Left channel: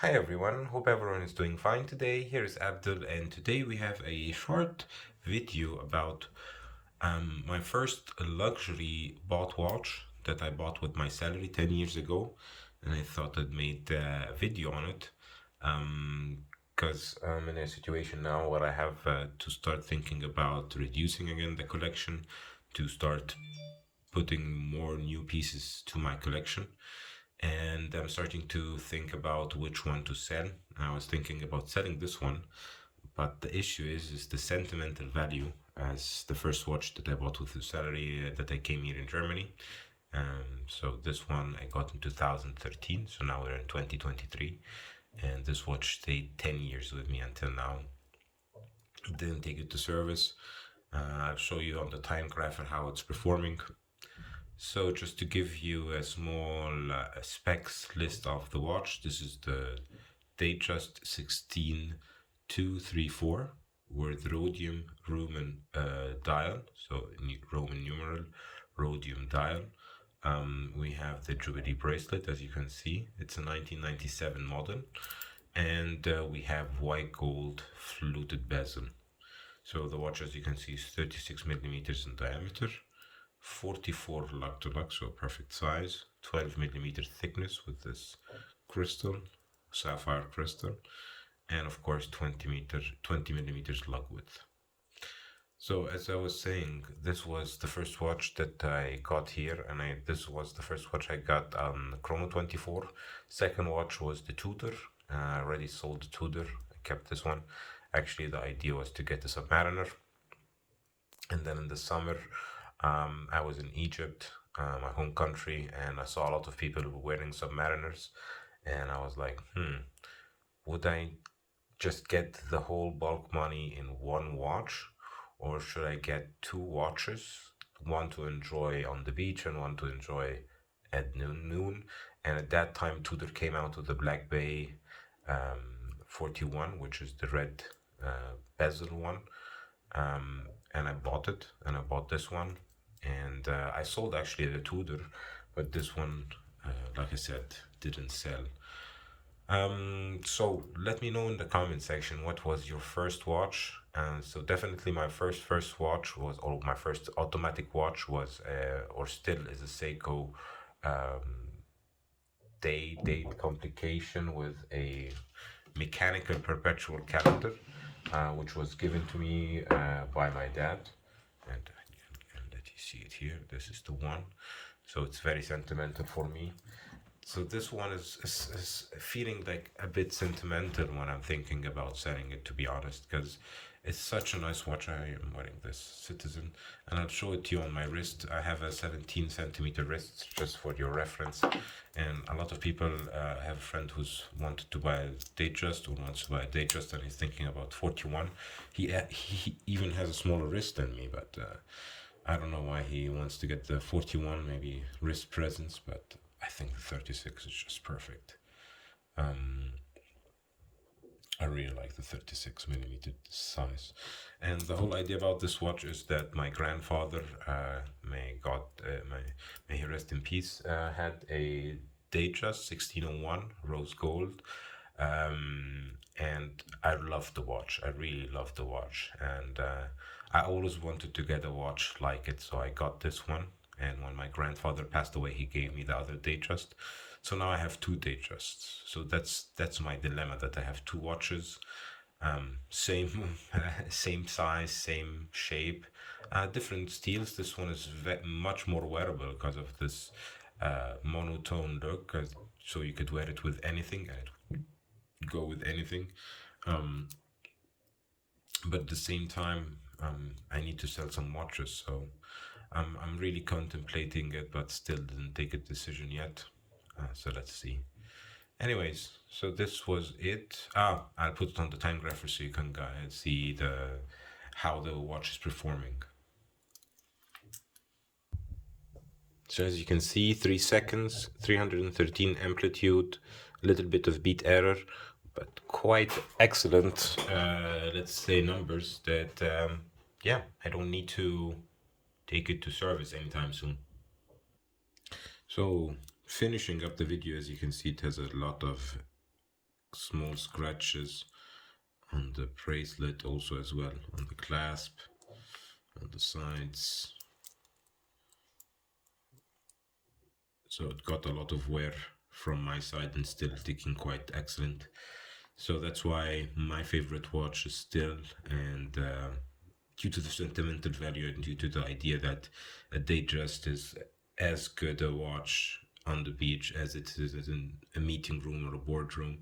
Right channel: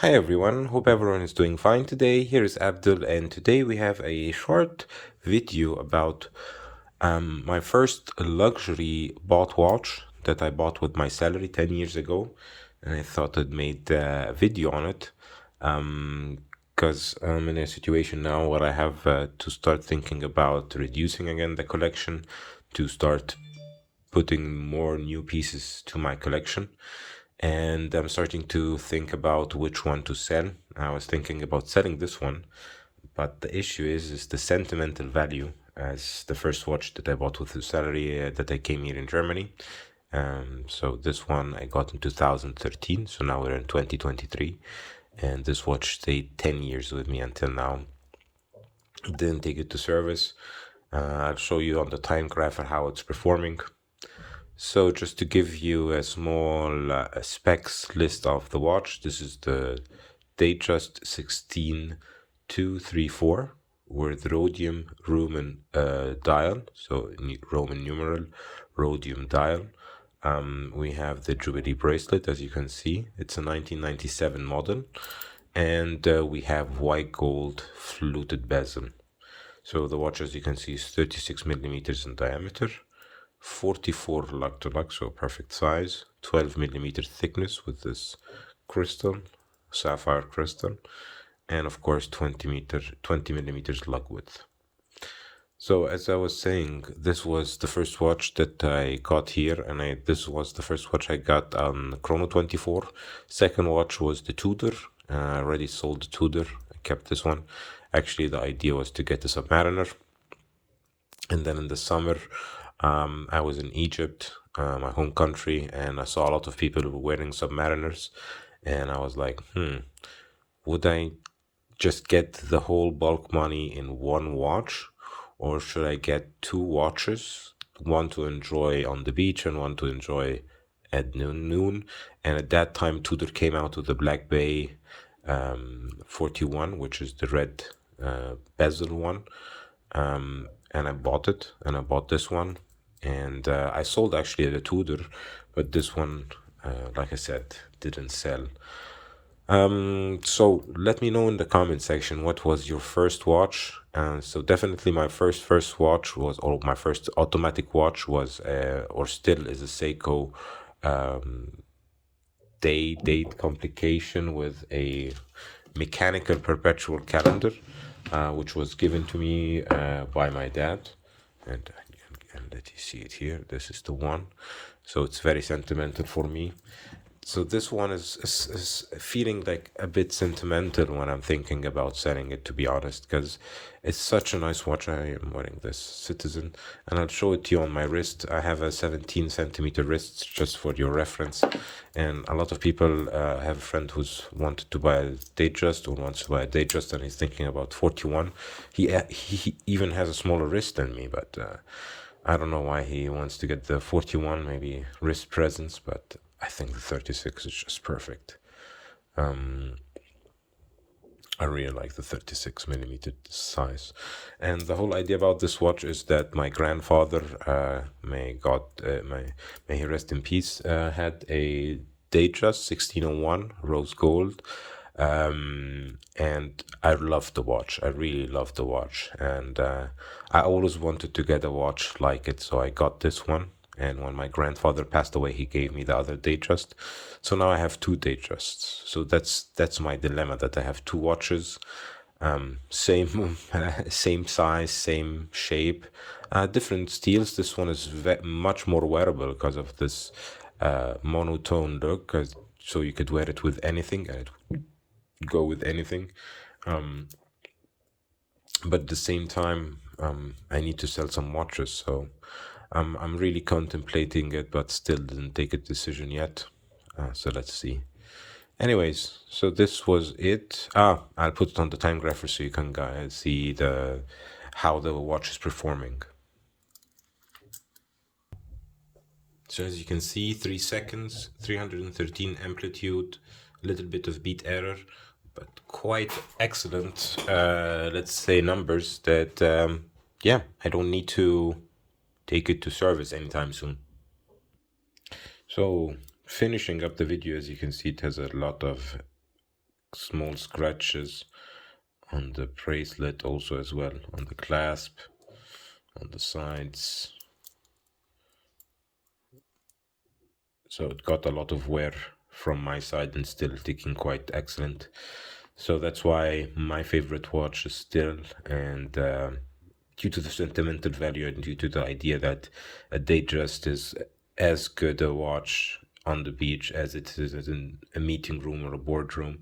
Hi everyone, hope everyone is doing fine today. Here is Abdul, and today we have a short video about my first luxury bought watch that I bought with my salary 10 years ago. And I thought I'd made a video on it because I'm in a situation now where I have to start thinking about reducing again the collection, to start putting more new pieces to my collection. And I'm starting to think about which one to sell. I was thinking about selling this one, but the issue is the sentimental value as the first watch that I bought with the salary that I came here in Germany. So this one I got in 2013, so now we're in 2023, and this watch stayed 10 years with me until now. Didn't take it to service. I'll show you on the Timegrapher how it's performing. So just to give you a small specs list of the watch, this is the Datejust 16234 with rhodium Roman dial, so Roman numeral rhodium dial. We have the Jubilee bracelet, as you can see. It's a 1997 model, and we have white gold fluted bezel. So the watch, as you can see, is 36 millimeters in diameter, 44 lug to lug, so perfect size, 12 millimeter thickness with this crystal, sapphire crystal, and of course 20 millimeters lug width. So as I was saying, this was the first watch that I got here, and this was the first watch I got on Chrono 24. Second watch was the Tudor. I already sold the Tudor. I kept this one. Actually, the idea was to get the Submariner. And then in the summer, I was in Egypt, my home country, and I saw a lot of people who were wearing Submariners. And I was like, would I just get the whole bulk money in one watch, or should I get two watches, one to enjoy on the beach and one to enjoy at noon? And at that time, Tudor came out with the Black Bay 41, which is the red bezel one. And I bought it, and I bought this one, and I sold actually the Tudor, but this one, like I said, didn't sell. So let me know in the comment section what was your first watch. So definitely my first watch was, or my first automatic watch was, or still is a Seiko date complication with a mechanical perpetual calendar, which was given to me by my dad. And I can let you see it here. This is the one. So it's very sentimental for me. So this one is feeling like a bit sentimental when I'm thinking about selling it, to be honest, because it's such a nice watch. I am wearing this Citizen, and I'll show it to you on my wrist. I have a 17 centimeter wrist, just for your reference. And a lot of people have a friend who's wanted to buy a Datejust, or wants to buy a Datejust, and he's thinking about 41. He even has a smaller wrist than me, but I don't know why he wants to get the 41, maybe wrist presence, but I think the 36 is just perfect. I really like the 36 millimeter size. And the whole idea about this watch is that my grandfather, may he rest in peace, had a Datejust 1601 rose gold. And I love the watch. I really love the watch. And I always wanted to get a watch like it, so I got this one. And when my grandfather passed away, he gave me the other Datejust. So now I have two Datejusts. So that's my dilemma, that I have two watches, same same size, same shape, different steels. This one is much more wearable because of this monotone look. So you could wear it with anything, and it would go with anything. But at the same time, I need to sell some watches, so I'm really contemplating it, but still didn't take a decision yet. So let's see. Anyways, so this was it. I'll put it on the Timegrapher so you can guys see the how the watch is performing. So as you can see, 3 seconds, 313 amplitude, a little bit of beat error, but quite excellent, let's say, numbers that, yeah, I don't need to take it to service anytime soon. So finishing up the video, as you can see, it has a lot of small scratches on the bracelet also as well, on the clasp, on the sides. So it got a lot of wear from my side and still ticking quite excellent. So that's why my favorite watch is still, and due to the sentimental value and due to the idea that a Datejust is as good a watch on the beach as it is in a meeting room or a boardroom.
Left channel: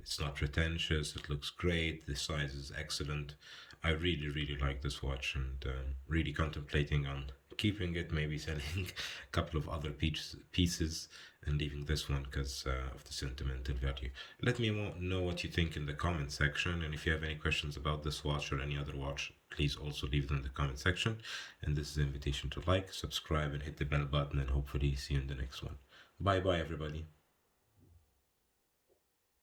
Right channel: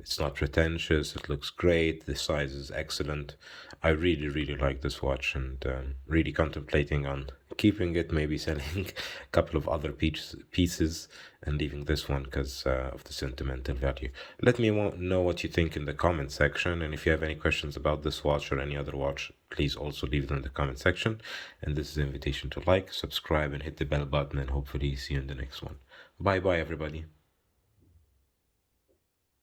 It's not pretentious, it looks great, the size is excellent. I really, really like this watch, and really contemplating on keeping it, maybe selling a couple of other pieces and leaving this one because of the sentimental value. Let me know what you think in the comment section, and if you have any questions about this watch or any other watch, please also leave them in the comment section. And this is an invitation to like, subscribe, and hit the bell button, and hopefully see you in the next one. Bye bye, everybody.